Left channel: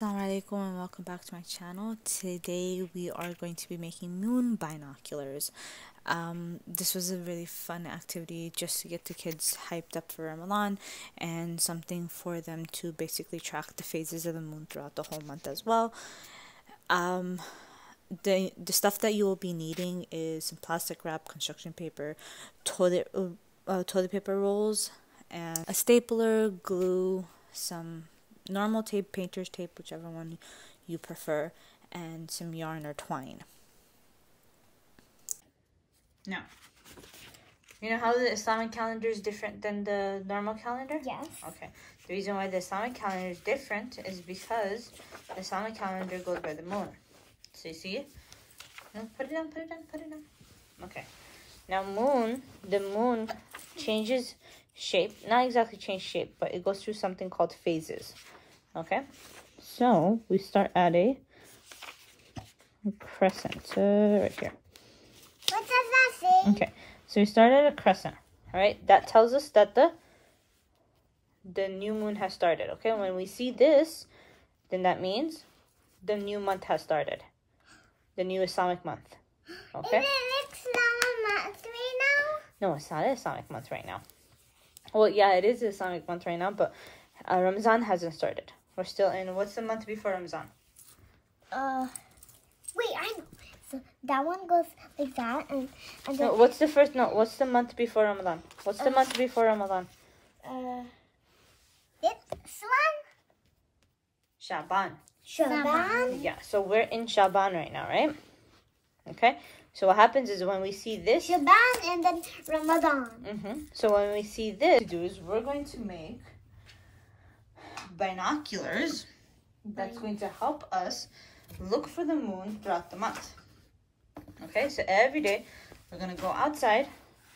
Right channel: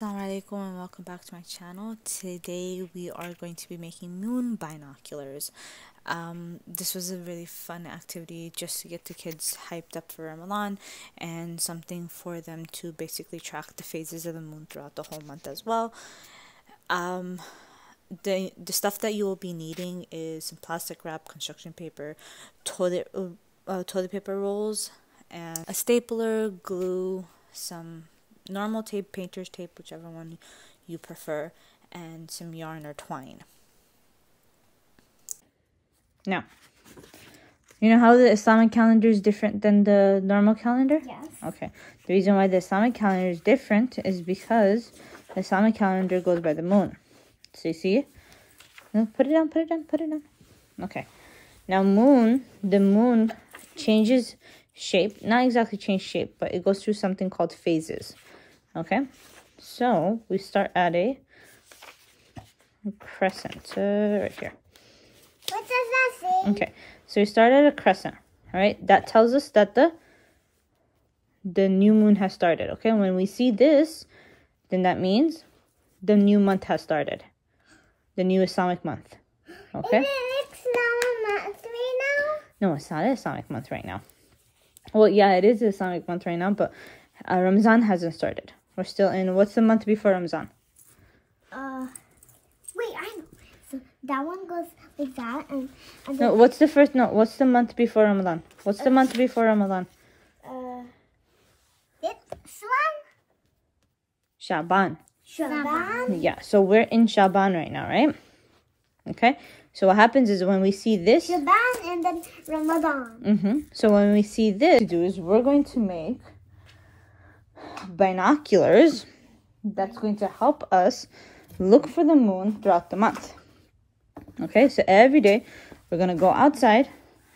Assalamualaikum and welcome back to my channel. Today we are going to be making moon binoculars. This was a really fun activity just to get the kids hyped up for Ramadan and something for them to basically track the phases of the moon throughout the whole month as well. The stuff that you will be needing is some plastic wrap, construction paper, toilet paper rolls, and a stapler, glue, some normal tape, painter's tape, whichever one you prefer, and some yarn or twine. Now, you know how the Islamic calendar is different than the normal calendar? Yes. Okay. The reason why the Islamic calendar is different is because the Islamic calendar goes by the moon. So you see? No, put it down, put it down, put it down. Okay. Now the moon changes shape. Not exactly change shape, but it goes through something called phases. Okay, so we start at a crescent right here. What does that say? Okay, so we start at a crescent. All right, that tells us that the new moon has started. Okay, when we see this, then that means the new month has started, the new Islamic month. Okay. Is it Islamic month right now? No, it's not an Islamic month right now. Well, yeah, it is an Islamic month right now, but Ramadan hasn't started. We're still in, what's the month before Ramadan? Wait, I know. So that one goes like that, and No, then what's the month before Ramadan? What's the month before Ramadan? this one, Shaban. Shaban. Yeah, so we're in Shaban right now, right? Okay, so what happens is when we see this, Shaban and then Ramadan. So when we see this, we're going to make binoculars that's going to help us look for the moon throughout the month. Okay, so every day we're going to go outside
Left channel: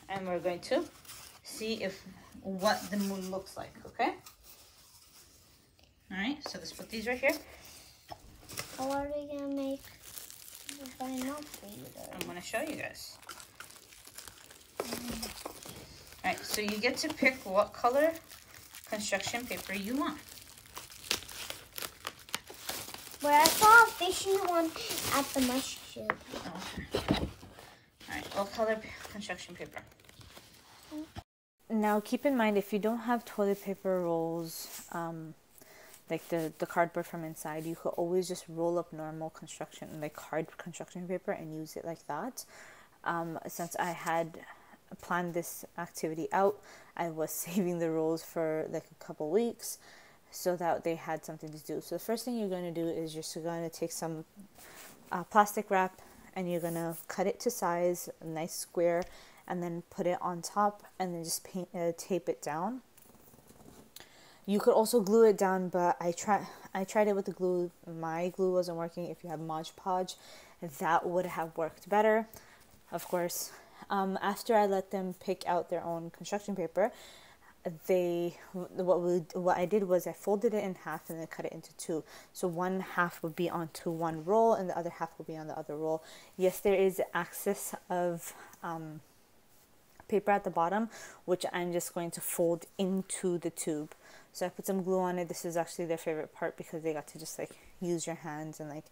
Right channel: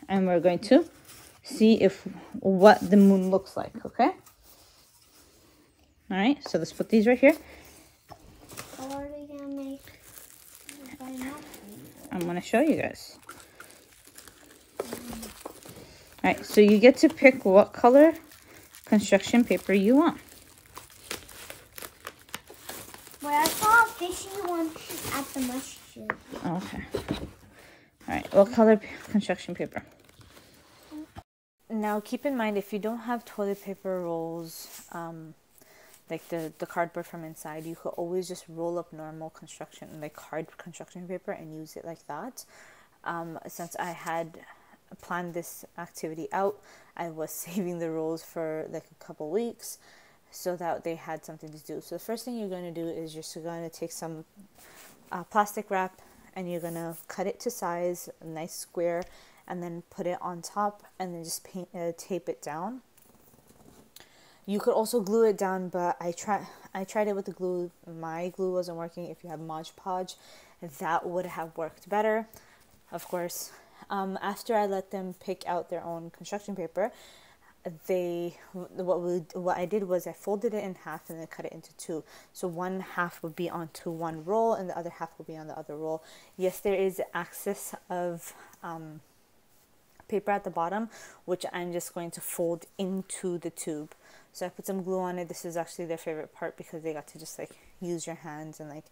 and we're going to see what the moon looks like. Okay, all right, so let's put these right here. How are we gonna make binoculars? I'm going to show you guys. All right, so you get to pick what color construction paper you want. But I saw a fishy one at the masjid. Okay. All right, what color construction paper? Now, keep in mind, if you don't have toilet paper rolls, like the cardboard from inside, you could always just roll up normal construction, like hard construction paper, and use it like that. Since I had planned this activity out, I was saving the rolls for like a couple weeks so that they had something to do. So the first thing you're going to do is you're going to take some plastic wrap and you're going to cut it to size, a nice square, and then put it on top and then just tape it down. You could also glue it down, but I tried it with the glue. My glue wasn't working. If you have Mod Podge, that would have worked better, of course. After I let them pick out their own construction paper, what I did was I folded it in half and then cut it into two. So one half would be onto one roll and the other half will be on the other roll. Yes, there is excess of paper at the bottom, which I'm just going to fold into the tube. So I put some glue on it. This is actually their favorite part because they got to just like use your hands and like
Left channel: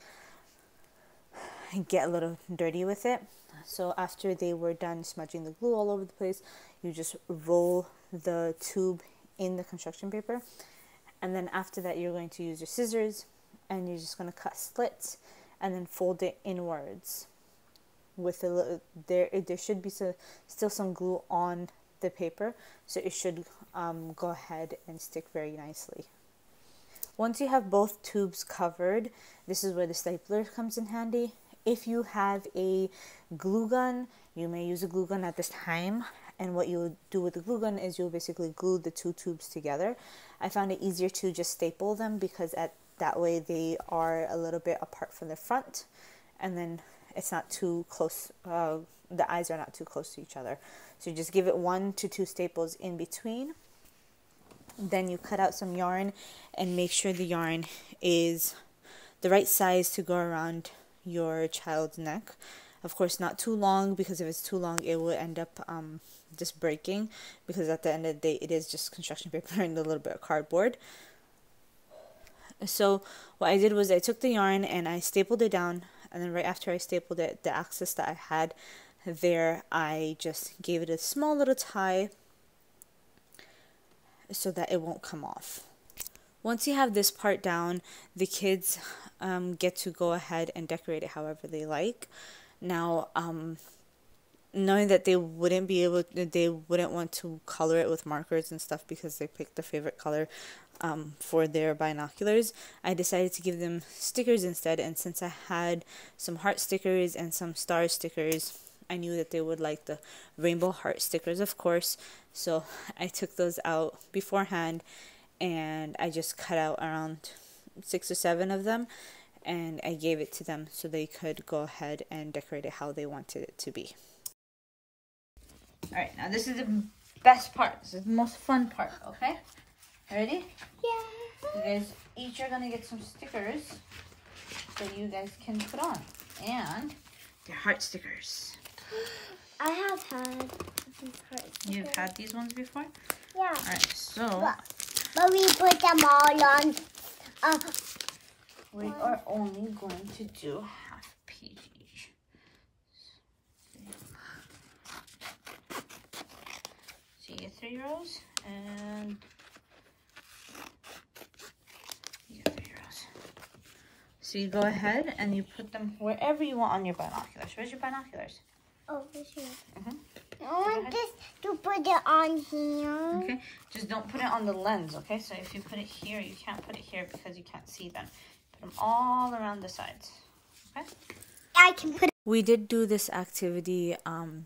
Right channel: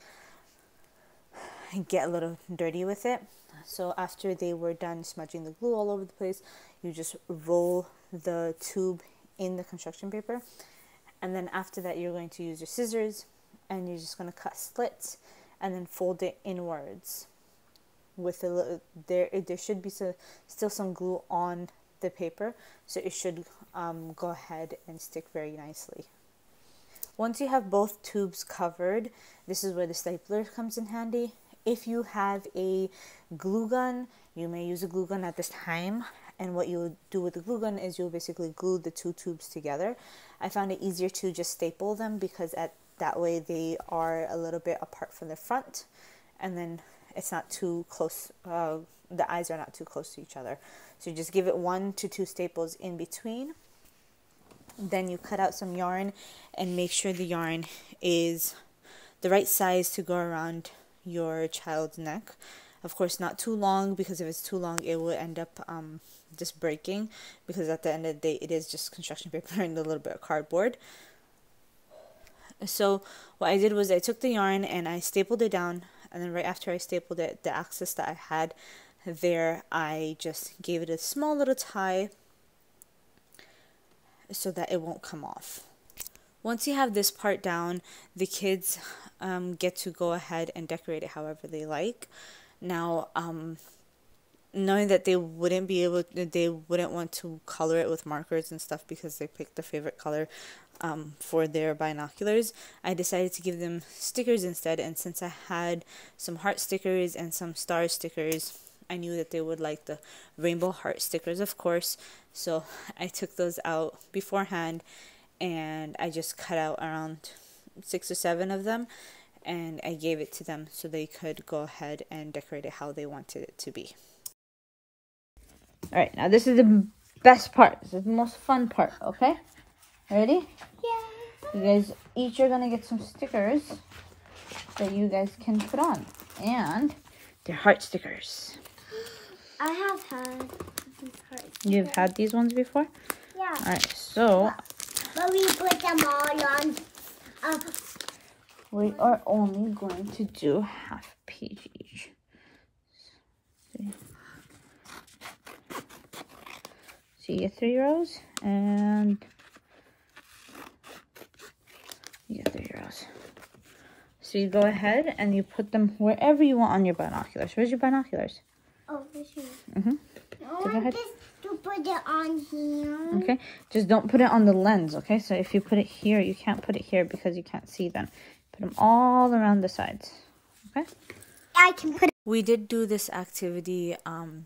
get a little dirty with it. So after they were done smudging the glue all over the place, you just roll the tube in the construction paper, and then after that you're going to use your scissors and you're just going to cut slits and then fold it inwards with a little, there should be still some glue on the paper, so it should go ahead and stick very nicely. Once you have both tubes covered, this is where the stapler comes in handy. If you have a glue gun, you may use a glue gun at this time. And what you'll do with the glue gun is you'll basically glue the two tubes together. I found it easier to just staple them because that way they are a little bit apart from the front. And then it's not too close, the eyes are not too close to each other. So you just give it 1 to 2 staples in between. Then you cut out some yarn and make sure the yarn is the right size to go around your child's neck. Of course, not too long, because if it's too long, it will end up just breaking, because at the end of the day, it is just construction paper and a little bit of cardboard. So what I did was I took the yarn and I stapled it down, and then right after I stapled it, the axis that I had there, I just gave it a small little tie so that it won't come off. Once you have this part down, the kids get to go ahead and decorate it however they like. Now, knowing that they wouldn't want to color it with markers and stuff because they picked their favorite color for their binoculars, I decided to give them stickers instead. And since I had some heart stickers and some star stickers, I knew that they would like the rainbow heart stickers, of course. So I took those out beforehand, and I just cut out around 6 or 7 of them, and I gave it to them so they could go ahead and decorate it how they wanted it to be. Alright, now this is the best part. This is the most fun part, okay? Ready? Yeah. You guys each are going to get some stickers that you guys can put on. And they're heart stickers. I have had these hearts. You've had these ones before? Yeah. Alright, so but we put them all on. We are only going to do half a page each. So you get 3 rows, and you get 3 rows. So you go ahead and you put them wherever you want on your binoculars. Where's your binoculars? Oh, this here. I want this to put it on here. Okay, just don't put it on the lens, okay? So if you put it here, you can't put it here because you can't see them. Put them all around the sides, okay? I can put it. We did do this activity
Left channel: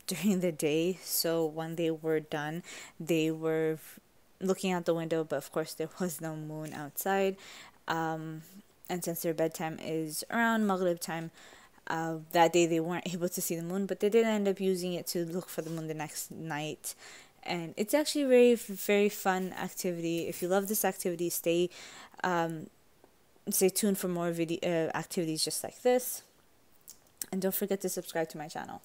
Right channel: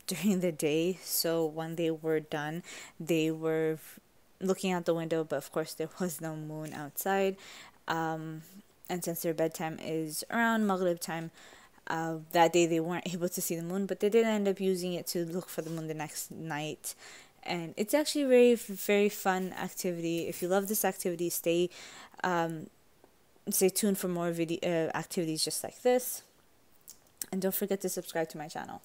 during the day, so when they were done, they were looking out the window, but of course there was no moon outside. And since their bedtime is around Maghrib time, that day they weren't able to see the moon, but they did end up using it to look for the moon the next night. And it's actually a very, very fun activity. If you love this activity, stay tuned for more video activities just like this. And don't forget to subscribe to my channel.